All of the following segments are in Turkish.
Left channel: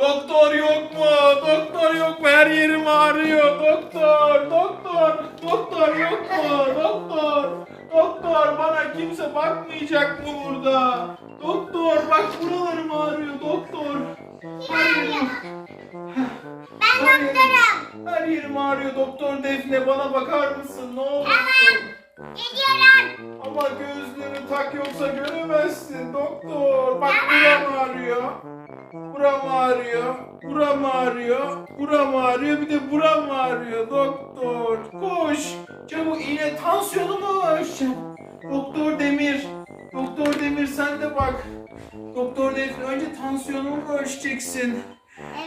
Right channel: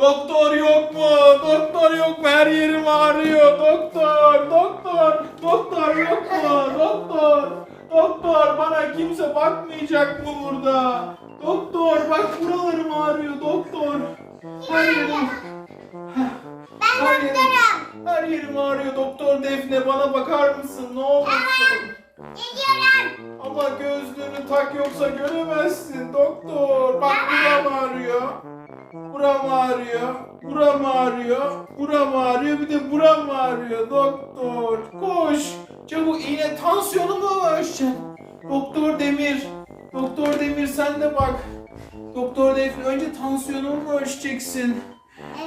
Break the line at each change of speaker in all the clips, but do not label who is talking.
Doktor yok mu? Doktor yok mu? Her yerim ağrıyor. Doktor, doktor, doktor yok mu? Doktor, doktor bana kimse bakmayacak mı burada? Doktor bak buralarım ağrıyor doktor. Her yerim,
Ben
her yerim,
doktorum.
her yerim ağrıyor doktor Defne bana bakar mısın? Ne olursun?
Geliyorum.
Ama gözlüğünü tak yoksa göremezsin doktor. Bak buram ağrıyor. Buram ağrıyor. Buram ağrıyor. Buram ağrıyor. Bir de buram ağrıyor doktor. Koş. Çabuk iğne tansiyonumu mu ölçeceğim? Doktor Demir. Doktor Demir sen de bak. Doktor Defne önce tansiyonumu mu ölçeceksin?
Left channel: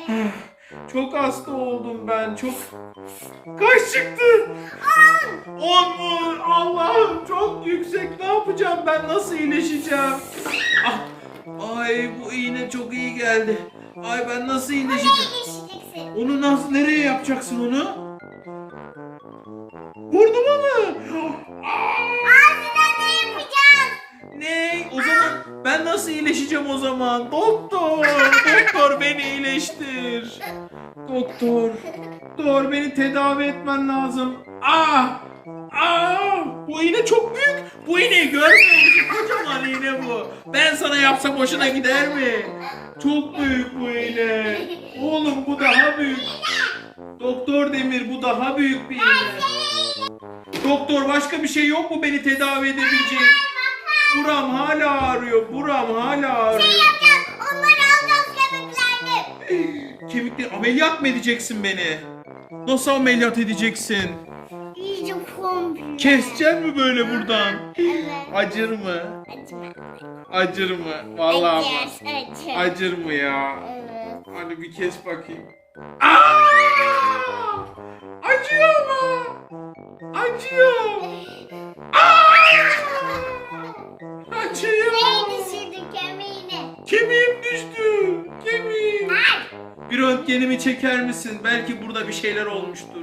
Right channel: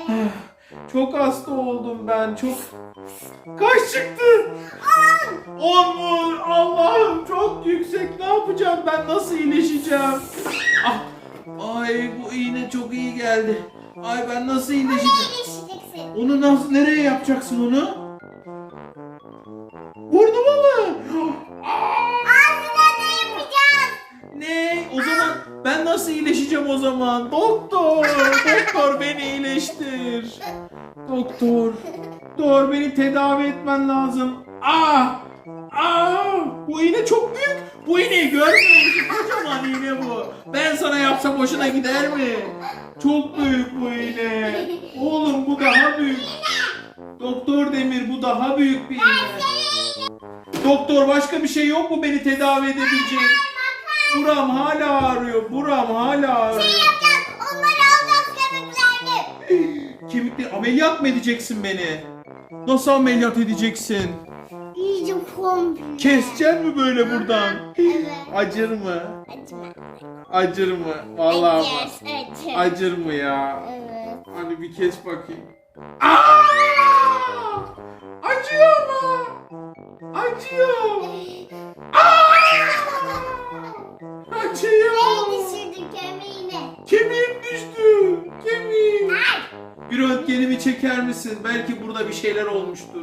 Evet.
Çok hasta oldum ben. Çok... Kaç çıktı? 10 mu? Allah'ım çok yüksek. Ne yapacağım ben? Nasıl iyileşeceğim? Ah, ay bu iğne çok iyi geldi. Ay ben nasıl iyileşeceğim? Onu nasıl nereye yapacaksın onu? Burnuma mı?
Ağzına ne yapacağız?
Ne? O zaman ben nasıl iyileşeceğim o zaman? Doktor, doktor beni iyileştir. Doktor, doktor beni tedavi etmen lazım. Ah! Ah! Bu iğne çok büyük. Bu iğneyi görmüyor musun? Kocaman iğne bu. Ben sana yapsam hoşuna gider mi? Çok büyük bu iğne. Oğlum bu daha büyük. Doktor Demir bu daha büyük bir iğne. Doktor başka bir şey yok mu beni tedavi edebileceğin? Buram hala ağrıyor. Buram hala ağrıyor.
Yapacağız. Onları alacağız kemiklerini.
Kemikleri ameliyat mı edeceksin beni? Nasıl ameliyat edeceksin?
İyice komple.
Keseceksin mi böyle buradan?
Evet.
Acır mı?
Acıma.
Acır mı? Vallahi
Acır.
bak.
Acır.
Acır mı ya?
Evet.
Hadi bir kes bakayım. Aa! Acıyor mu? Acıyor. Aa! Acıyor.
Neyi düşürdün kemiğini?
Kemiğim düştü. Kemiğim. Bir röntgenimi çeker misin? Belki burada bir şeyler olmuştur.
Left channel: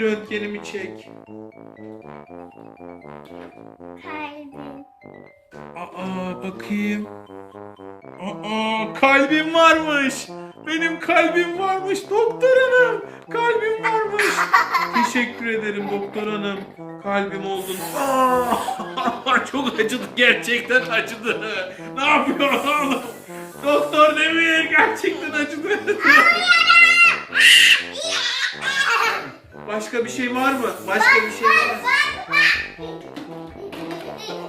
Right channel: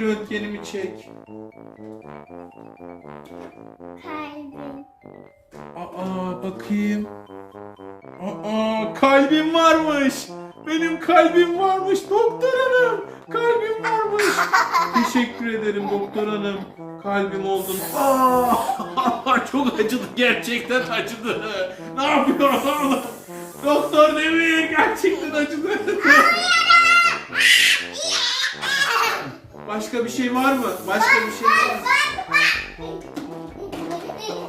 Bir röntgenimi çek.
Kalbim.
Aa bakayım. Aa kalbim varmış. Benim kalbim varmış doktor hanım. Kalbim varmış. Teşekkür ederim doktor hanım. Kalbim oldum. Aa, çok acıdı gerçekten acıdı. Ne yapıyorum? Doktor Demir gerçekten acıdı. Başka bir şey var mı? Başka bir şey var mı?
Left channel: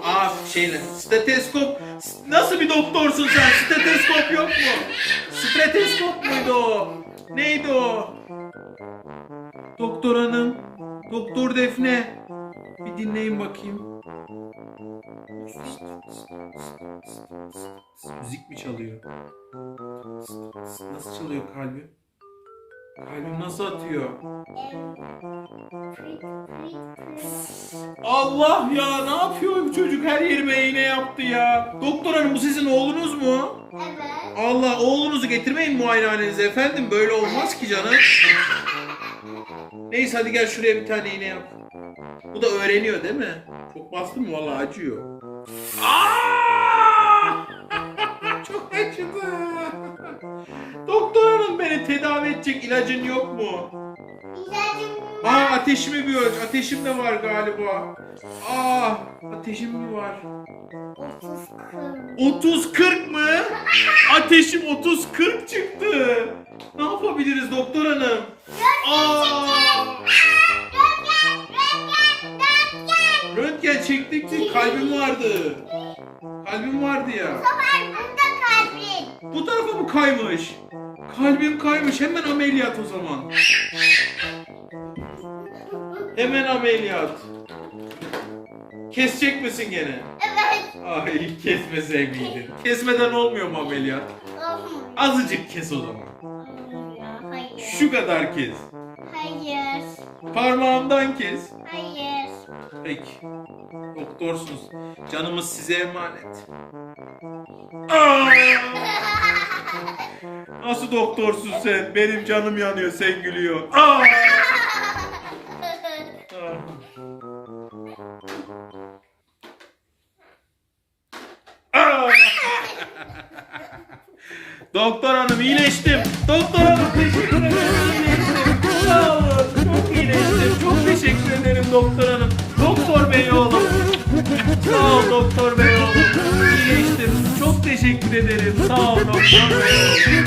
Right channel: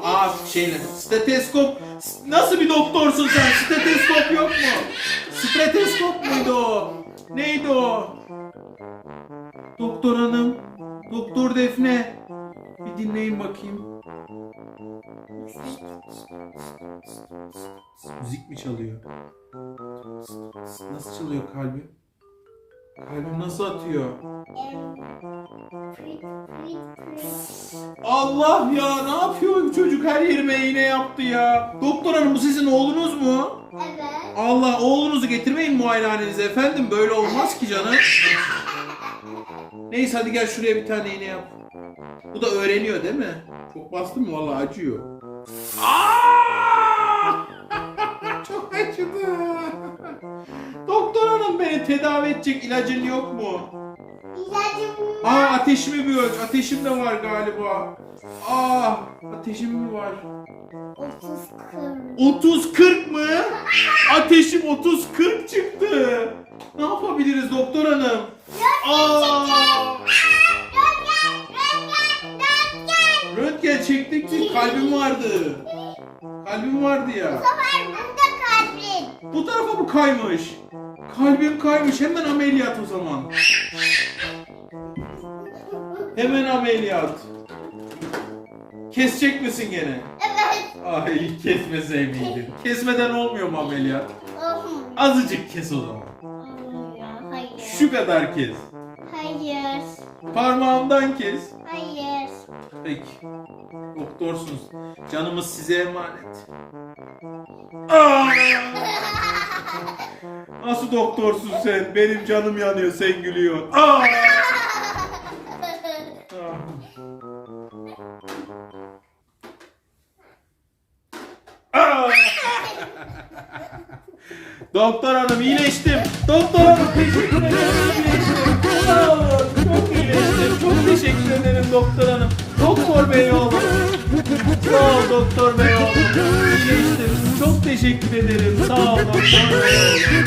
Aa şeyle steteskop nasıl bir doktorsun sen steteskop yok mu? Steteskop muydu o? Neydi o? Doktor hanım, doktor Defne. Bir dinleyin bakayım. Müzik mi çalıyor? Nasıl çalıyor kalbim? Kalbim nasıl atıyor? Allah ya ne yapıyor bu çocuk her yerime iğne yaptı ya. Doktor hanım bu sizin oğlunuz mu?
Evet.
Allah oğlunuzu getirmeyin muayenehanenize efendim böyle olmaz ki canım. Neyse hadi gel şuraya bir tane iğne yap. Bu da öğreniyor değil mi? Çok bastın mı vallahi acıyor. Aa! Doktor hanım beni tedavi edecek ilacın yok mu?
İlacım
Aa ateşimi bir ölç. Ateşim de var galiba. Aa ateşim mi var?
30 kırk.
30-40 mı? Ateşim 30-40 çıktı. Ne yapabiliriz doktor hanım? Aa, röntgen çektik kalbim vardı. Kalbim vardı ya.
Var burada kalbin.
Bu tarafa mı kaymış? Kalbim kaymış. Hemen ameliyat o zaman. Hemen ameliyat. Kesecek misin gene?
Evet.
Ay kesmeseydim. Kesmeden olmuyor mu ameliyat?
Olmuyor.
Azıcık kes o zaman.
Hayır.
Şu kadar kes.
Hayır.
Parmağımdan kes.
Hayır.
Peki. Doktorsunuz. Canımız size emanet. Nasıl doktorsun sen? Benim canım yanıyor, sen gülüyor. Aa! Doktor hanım iyileştim. Doktor hanım teşekkür ederim. Çok iyileştim. Çok teşekkür ederim doktor hanım. Doktor bey. Sağ ol doktor bey oğlum. İyileştim. Çok teşekkür ederim. Sağ ol doktor bey.